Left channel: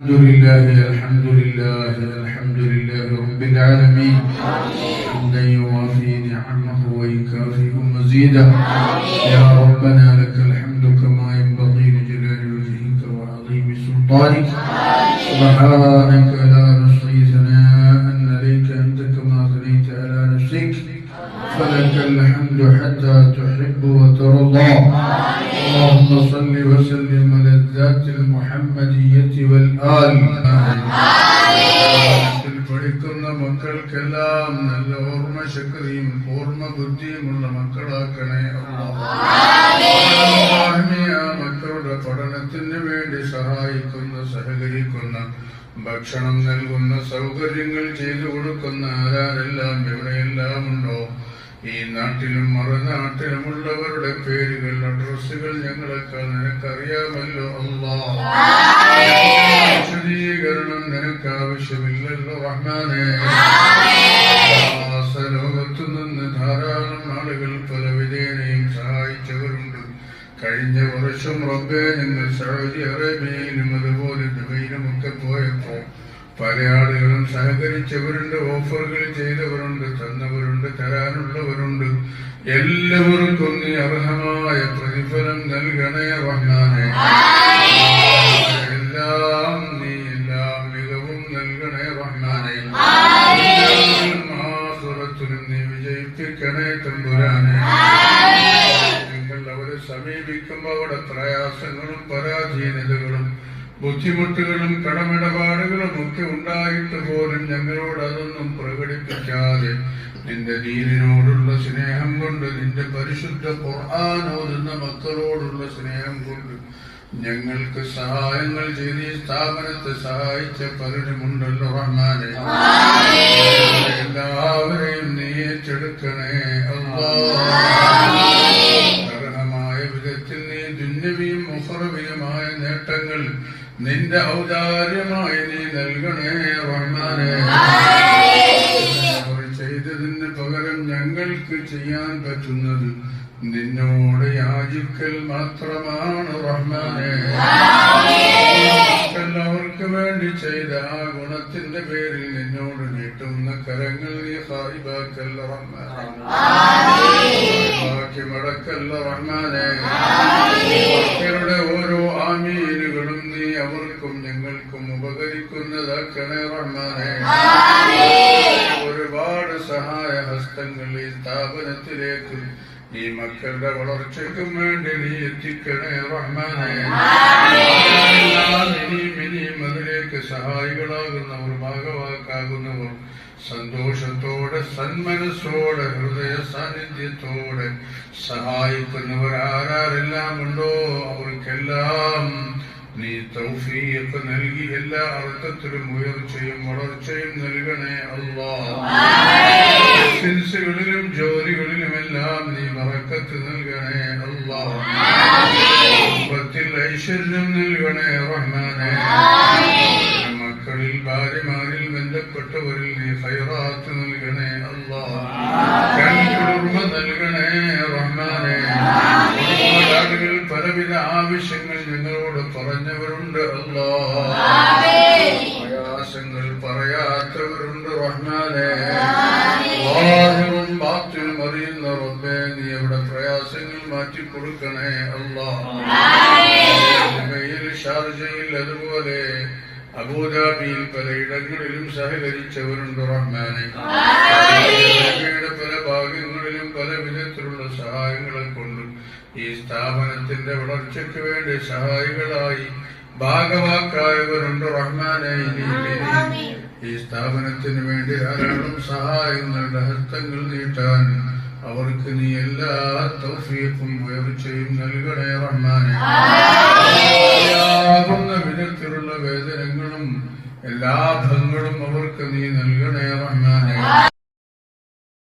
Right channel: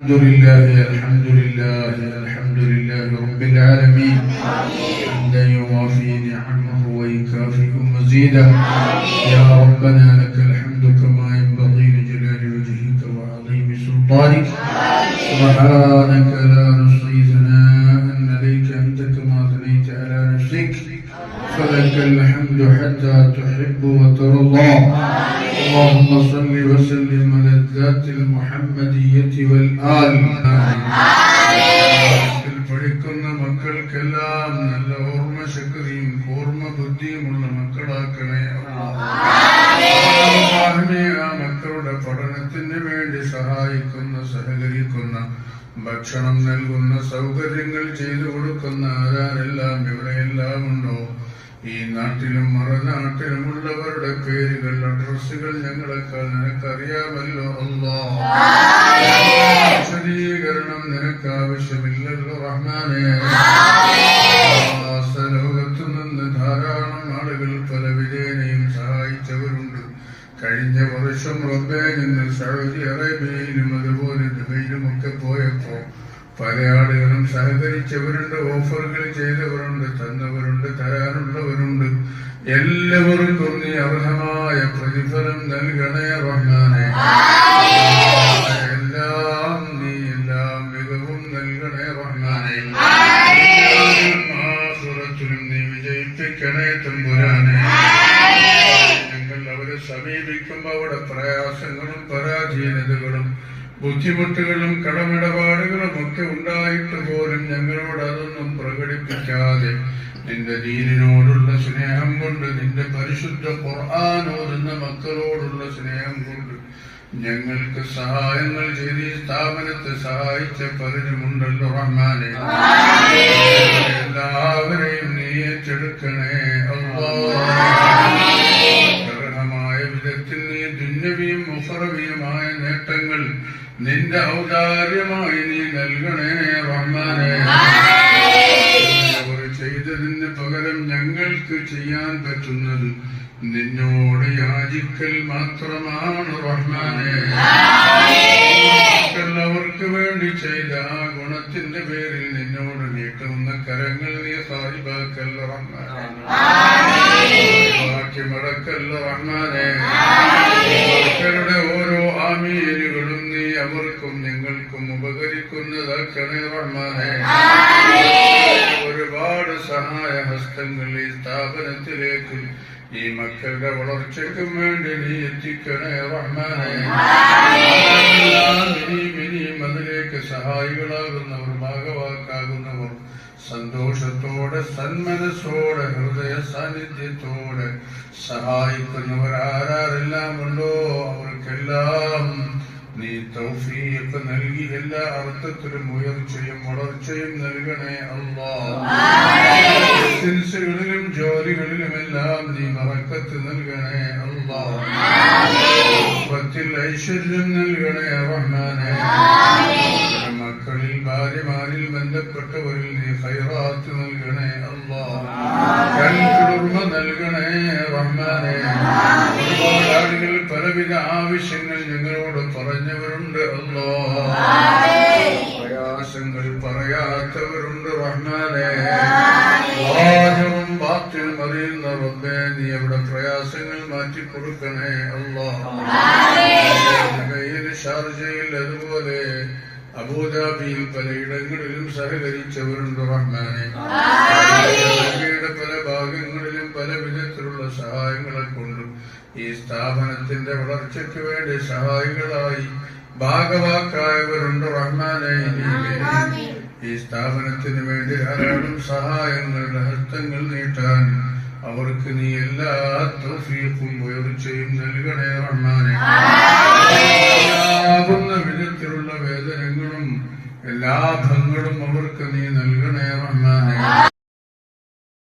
الحمد لله رب العالمين حمدا يوافي نعمه ويكافئ مزيدا يا ربنا لك الحمد كما ينبغي لجلال وجهك وعظيم سلطانك سبحانك لا نحصي ثناء عليك أنت كما ثنيت على نفسك فلك الحمد حتى تحب وترضى اللهم صل وسلم على الذات المحمدية والآل പഠിക്കുന്ന മക്കൾക്കെല്ലാം നല്ല ഓർമ്മ ശക്തിയും ഓർമ്മ ബുദ്ധിയുമുള്ള മക്കളാക്കണേ ആ മക്കളുടെ പഠനത്തിന് വേണ്ടി സഹായിക്കുന്ന സഹകരിക്കുന്ന ഭക്ഷണം നൽകുന്ന സൗകര്യങ്ങൾ ചെയ്തു കൊടുക്കുന്ന ആരാരെല്ലാം എവിടെയെല്ലാം ഉണ്ടോ ഈ നാട്ടിലും മറുനാട്ടിലുമുള്ളവരുടെ പേരുകൾ അഡ്രസ്സുകൾ ഞങ്ങളെക്കാൾ നിനക്കറിയാമല്ലോ അല്ലാഹ് വിശദീകരണം നിനക്ക് ആവശ്യമില്ലല്ലോ റഹ്മാനേ ലോകത്തു നിന്ന് ധാരാളം ആളുകൾ പല വിധേനയും സഹായിച്ചവരുണ്ട് കഴിഞ്ഞ വർഷം റബ്ബേ ഞങ്ങൾ സൗദി അറേബ്യയിലും അതുപോലെ ദുബൈയിലുമൊക്കെ പോയപ്പോ പല ആളുകളും സഹകരിച്ചവരുണ്ട്, ഓഫറുകൾ ചെയ്തവരുണ്ട്, തന്നവരുണ്ട്, തരാനുള്ളവരുണ്ട്. എല്ലാവർക്കും നീ അർഹമായ പ്രതിഫലം നൽകണേ റഹ്മാനേ എല്ലാം മികവും നൽകണേ റഹ്മാനേ ആഖിറത്തിലും നീ വിജയിപ്പിക്കണേ തമ്പുരാനേ ഞങ്ങൾ അവരെ സമീപിക്കുമ്പോൾ അവിടെ പ്രയാസങ്ങളും പരാധീനതകളും ബുദ്ധിമുട്ടുകളും കടമിടപാടുകളും ഒക്കെ ഉണ്ടായിട്ട് പോലും ഞങ്ങളോട് അതൊന്നും പ്രകടിപ്പിക്കാതെ നിന്റെ ദീനിനോടുള്ള സ്നേഹം കൊണ്ട് നിന്റെ പരിശുദ്ധ ഖുർആൻ ഓതുന്ന മക്കളോടുള്ള സ്നേഹം കൊണ്ട് ഞങ്ങൾക്ക് സഹായങ്ങൾ ചെയ്ത് ഈ സ്ഥാപനത്തെ സഹായിച്ച പലരുമുണ്ടല്ലോ റഹ്മാനേ എല്ലാവരെയും നീ ഏറ്റെടുക്കണേ അർഹമായ വിധത്തിൽ നീ ദുന്യവിയും മുഖറവിയുമായ നേട്ടങ്ങൾ നിന്റെ ഔദാര്യമായി നീ നൽകണേ റഹ്മാനേ അവർ ചെയ്തതിന് പകരം ഞങ്ങൾക്ക് ചെയ്യാൻ പറ്റുന്നത് നിന്നോട് യാചിക്കൽ മാത്രമാണ് റഹ്മാനേ അവർക്ക് വേണ്ടി ചെയ്ത ആ ഗുണത്തിന്റെ പേരിൽ നിന്നോട് നീട്ടുന്ന കരങ്ങൾ നീ സാഹിബാക്കല്ല റഹ്മാനേ ബാക്കി മടക്കല്ല റഹ്മാനേ അവരുടെ ഓരോ ആമീനുകളും നീ അവർക്കും ഞങ്ങൾക്കും ഉപകരിക്കുന്നതാക്കണേ റഹ്മാനേ ഒരുപാട് സഹായ ഹസ്തങ്ങൾ ഈ സ്ഥാപനത്തിലേക്ക് ഈ മക്കളുടെ വളർച്ചയ്ക്കും വേണ്ടി നീ എത്തിക്കണേ റഹ്മാനേ ഇനിയും അതിലേക്ക് സഹായികളാകുന്നവർ ഭാഗവാക്കാകുന്നവർ സന്തോഷത്തോടെ സന്മനസ്സോടെ ഹൃദയ സാന്നിധ്യത്തോടെ സഹായിക്കുന്നവർ ആരാരെല്ലാം ഉണ്ടോ അവർക്കെല്ലാം നീ തൗഫീഖ് നൽകി എല്ലാ അർത്ഥത്തിലും ഉയർച്ചയും വളർച്ചയും നൽകണേ അല്ലാഹ് ബിസിനസ്സുകളിലും ജോലികളിലുമെല്ലാം നീ ബറക്കത്ത് നൽകണേ അല്ലാഹ് കുടുംബത്തിൽ ഐശ്വര്യം നൽകണേ റഹ്മാനേ മക്കളിൽ ഭാര്യമാരിൽ ബന്ധപ്പെട്ടവരിൽ നീ ഖൈറാത്ത് നൽകണേ അല്ലാഹ് കൺകുളിർമ നൽകണേ റഹ്മാനേ ഒരുപാട് ആളുകൾ പലവിധ ആവശ്യങ്ങൾ ഞങ്ങളോട് പറഞ്ഞവരുണ്ട് അല്ലാഹ് പ്രയാസങ്ങൾ പറയാത്തവരുണ്ട് റഹ്മാനേ വാഹിറും ബാത്തിനും അറിയുന്ന റബ്ബേ നീ അവിടെ പ്രയാസങ്ങൾ മാറ്റിക്കൊടുക്കണേ അല്ലാഹ് ഷാർജയിൽ അതുപോലെ അബൂദാബിയിൽ പലയിടങ്ങളിലും സഹകരിച്ചവരുണ്ട് റഹ്മാനേ പല ഭാഗങ്ങളിലും പല വിധത്തിലുള്ള സഹായങ്ങളെ കൊണ്ടും ഈ സ്ഥാപനത്തിന്റെ വളർച്ചയ്ക്ക് വേണ്ടി സഹായികളായി ഭാഗവാക്കായവരുണ്ട് റഹ്മാനേ ഈ സ്ഥാപനത്തിന് വേണ്ടി ധാരാളം സഹായങ്ങളുടെ ഹസ്തങ്ങൾ നീട്ടാൻ അവർക്ക് നീ എല്ലാ തൗഫീഖും ഉയർച്ചയും നൽകണേ റഹ്മാനേ വിധത്തിലുള്ള വേദനകളും എല്ലാ